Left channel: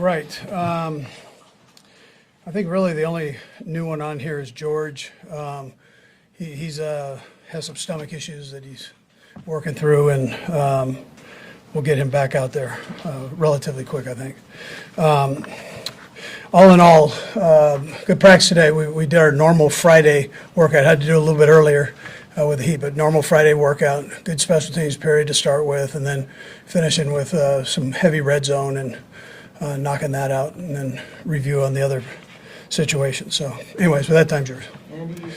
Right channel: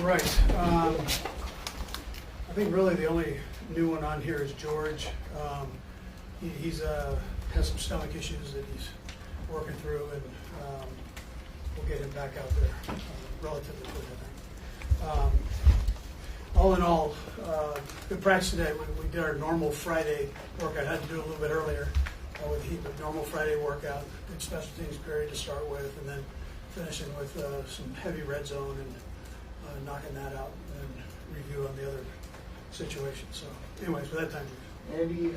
right. I think really the only new one on here is George. He's has some stomach issues that he's working through, and we'll get him back out there relatively quick, I think. All in all, good practice today. We did our normal Friday workout. Had to do a little bit earlier with the heat, but normal Friday workout. Good special teams period to start with, and then finishing with some heavy red zone and knocking that out, and then review on the other situations. So anyways, with that, time's yours. Andy,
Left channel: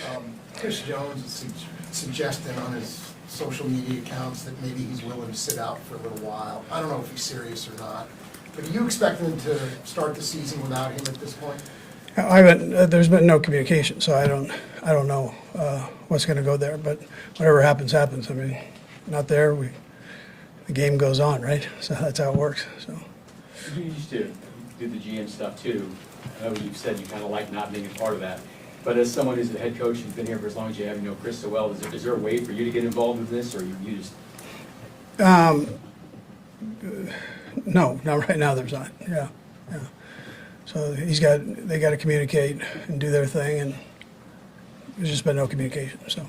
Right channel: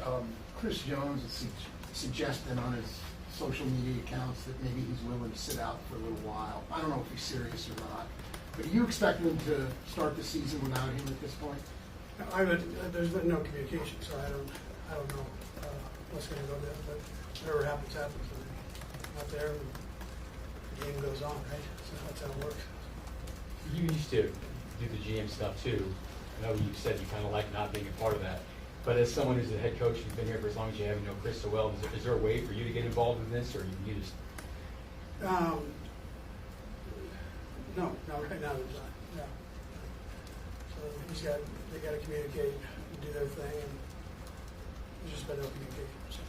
Chris Jones is suggesting on his social media accounts that maybe he's willing to sit out for a little while. I don't know if he's serious or not. But do you expect him to start the season without him at this point? I haven't. There's been no communication, so I don't know what's going to go there. But whatever happens, happens. I mean, not there. The game goes on, right? So that's how it works. So. You used to do the GM stuff too. I know you've said you kind of like not being a part of that. But as someone who's a head coach, you've been here for as long as you have, you know Chris so well, is there a way for you to get involved in this, or you just? No, right now there's not. Yeah. So they got to communicate and do their thing, and there's just been no communication. So.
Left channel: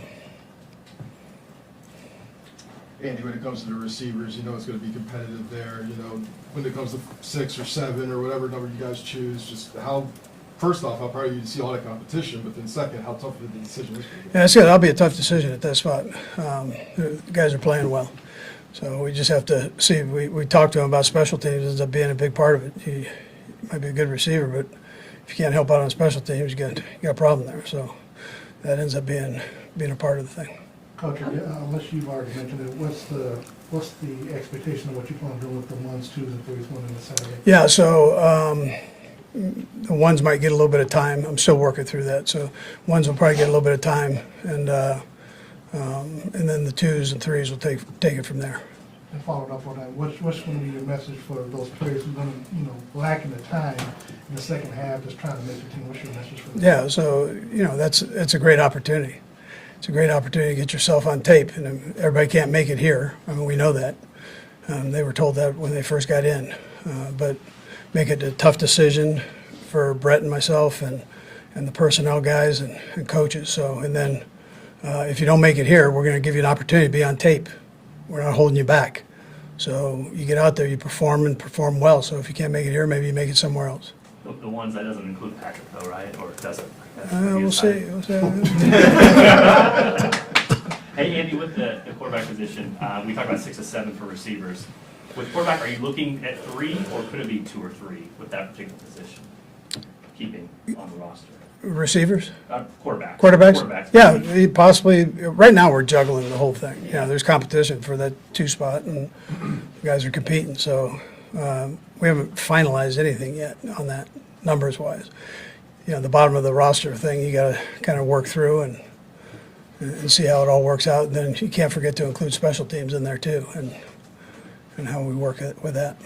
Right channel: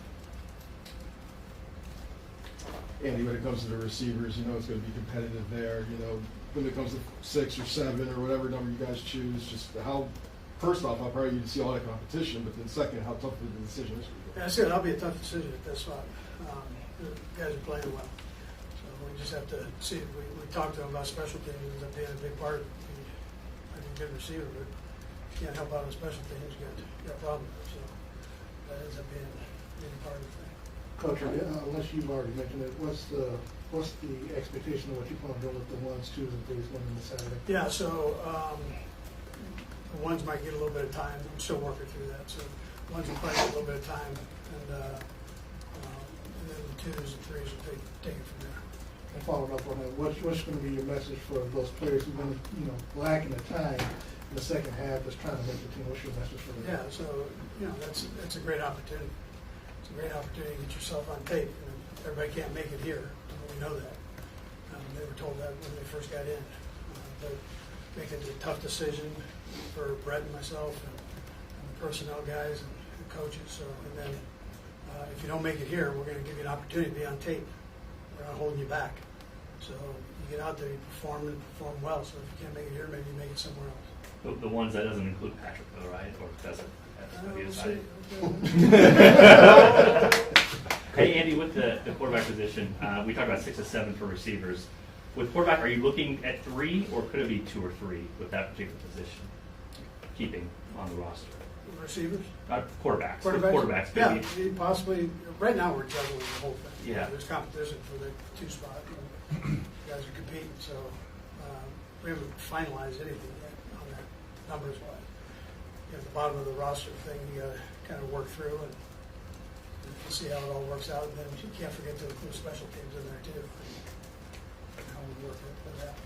Andy, when it comes to the receivers, you know it's going to be competitive there. You know, when it comes to 6 or 7 or whatever number you guys choose, just first off, how proud are you to see all that competition, but then second, how tough is the decision? Yeah, that's it. That'll be a tough decision at that spot. The guys are playing well. So we just have to see. We talked to him about special teams. Ends up being a big part of it. He might be a good receiver, but if you can't help out on special teams, you got a problem there. So that ends up being a part of the thing. Coach, unless you've already mentioned it, what's the expectation of what you plan to do with the 1s, 2s, and 3s winning this Saturday? Yeah, so the 1s might get a little bit of time. I'm still working through that. So 1s will probably get a little bit of time, and then the 2s and 3s will take it from there. And following up on that, what's going to be the message for those players who've been, lacking the time in the second half, just trying to make the team? What's your message for them? Yeah, so it's a great opportunity. It's a great opportunity to get yourself on tape, and everybody can't make it here. I mean, we know that. They were told that when they first got in, but make it a tough decision for Brett and myself and the personnel guys and coaches. So, and then if you don't make it here, we're going to give you an opportunity to be on tape. We're not holding you back. So you get out there, you perform and perform well. So if you can't make it here, maybe you make it somewhere else. The ones that doesn't include Patrick though, right? Or does it? We'll see. Hey Andy, with the quarterback position, we talked about 6 to 7 for receivers. With quarterback, are you looking at 3, or could it be 2 or 3 with that particular position? Keeping on the roster. Receivers? Quarterbacks. Quarterbacks? Yeah, possibly. Right now, we're juggling the whole thing. Yeah, there's competition for that 2 spot, and guys are competing. So we haven't finalized anything yet on that, numbers-wise. The bottom of the roster thing, you got to kind of work through and see how it all works out. And then you can't forget to include special teams in there too, and how we work with that.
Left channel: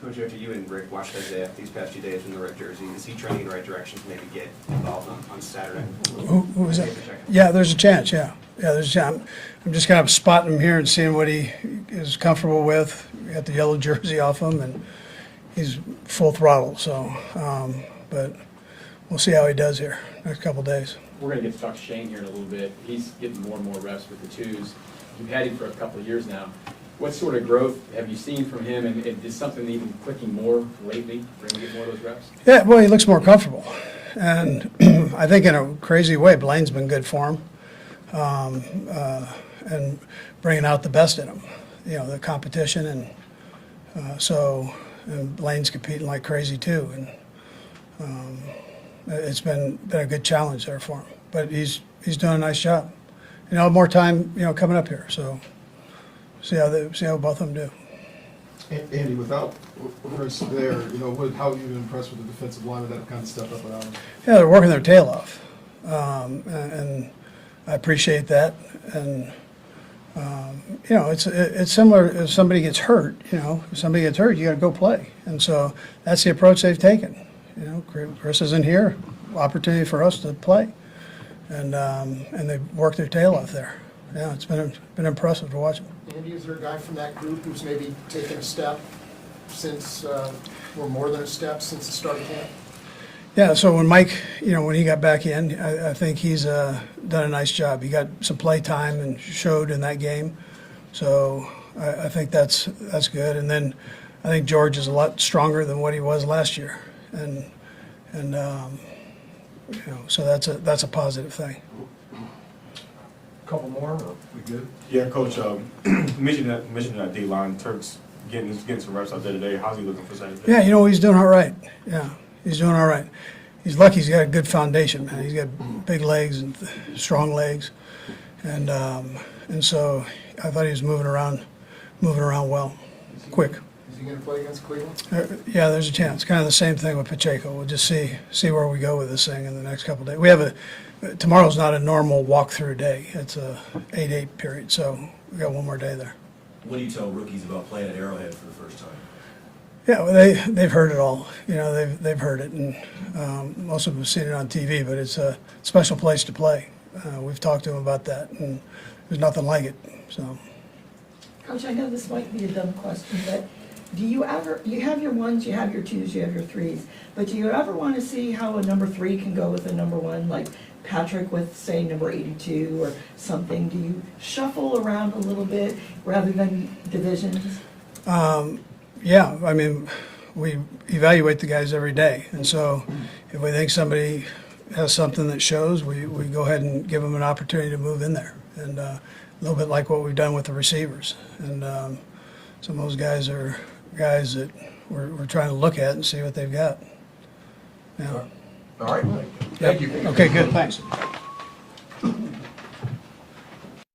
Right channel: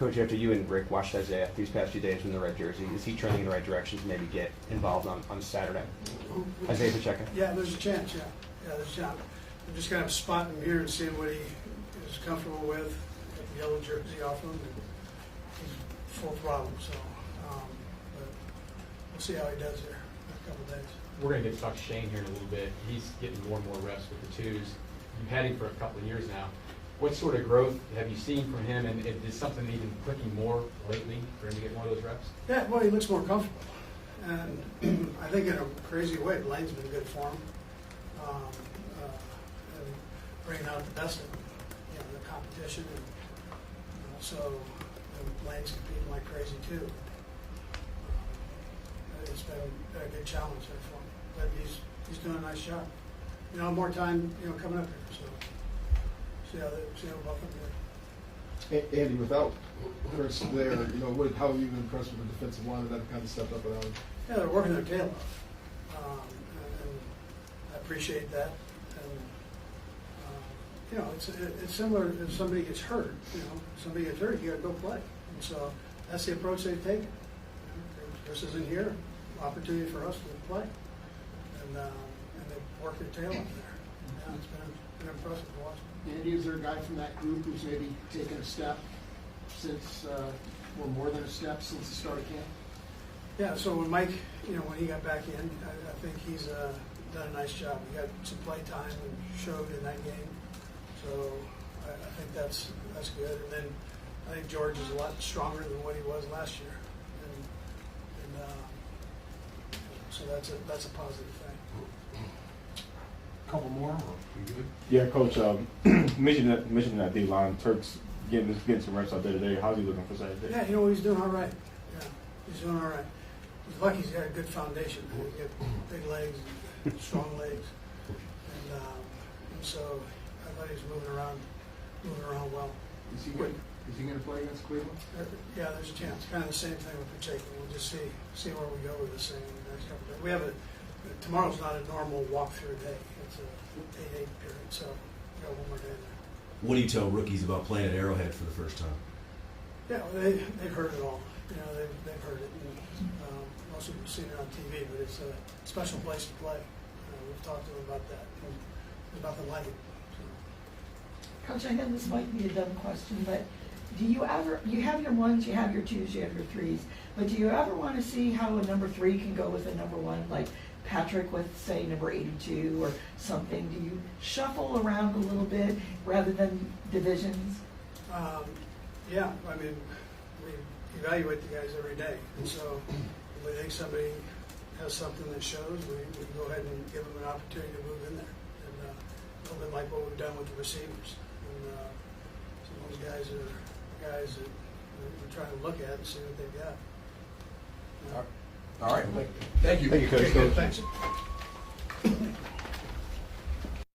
Coach, after you and Rick watched Isaiah these past few days in the red jersey, is he trending in the right direction to maybe get involved on Saturday? Who was that? Pacheco. Yeah, there's a chance. Yeah, there's a chance. I'm just kind of spotting him here and seeing what he is comfortable with. We got the yellow jersey off him, and he's full throttle. So, but we'll see how he does here next couple of days. We're going to get to talk to Shane here in a little bit. He's getting more and more reps with the 2s. You've had him for a couple of years now. What sort of growth have you seen from him, and is something even clicking more lately for him to get more of those reps? Yeah, well, he looks more comfortable, and I think in a crazy way, Blaine's been good for him, and bringing out the best in him. The competition, and and Blaine's competing like crazy too, and it's been a good challenge there for him. But he's doing a nice job. More time, coming up here, so. See how both of them do. Andy, without Chris there, how have you been impressed with the defensive line that kind of stepped up at ours? Yeah, they're working their tail off, and I appreciate that. And it's similar. If somebody gets hurt, if somebody gets hurt, you got to go play. And so that's the approach they've taken. Chris isn't here, opportunity for us to play, and they worked their tail off there. Yeah, it's been impressive to watch them. Andy, is there a guy from that group who's maybe taken a step since, or more than a step since the start of camp? Yeah, so when Mike, when he got back in, I think he's done a nice job. He got some play time and showed in that game. So I think that's good. And then I think George is a lot stronger than what he was last year. And so that's a positive thing. Couple more, or we good? Yeah, Coach, mentioned that D-line, Turk's getting some reps out there today. How's he looking for Saturday? Yeah, he's doing all right. Yeah, he's doing all right. He's lucky he's got a good foundation, man. He's got big legs and strong legs. And so I thought he was moving around well, quick. Is he gonna play against Cleveland? Yeah, there's a chance. Kind of the same thing with Pacheco. We'll just see where we go with this thing in the next couple of days. We have tomorrow's not a normal walkthrough day. It's a 8-8 period, so we got one more day there. What do you tell rookies about playing at Arrowhead for the first time? Yeah, well, they've heard it all. They've heard it, and most of them have seen it on TV. But it's a special place to play. We've talked to them about that, and there's nothing like it. So. Coach, I know this might be a dumb question, but do you ever, you have your ones, you have your twos, you have your threes, but do you ever want to see how a number 3 can go with a number 1, like Patrick with, say, number 82 or something? Do you shuffle around a little bit rather than divisions? Yeah, I mean, we evaluate the guys every day, and so if we think somebody has something that shows, we go ahead and give them an opportunity to move in there, and a little bit like what we've done with the receivers. And some of those guys are guys that we're trying to look at and see what they've got. Yeah. All right, thank you. Okay, good, thanks.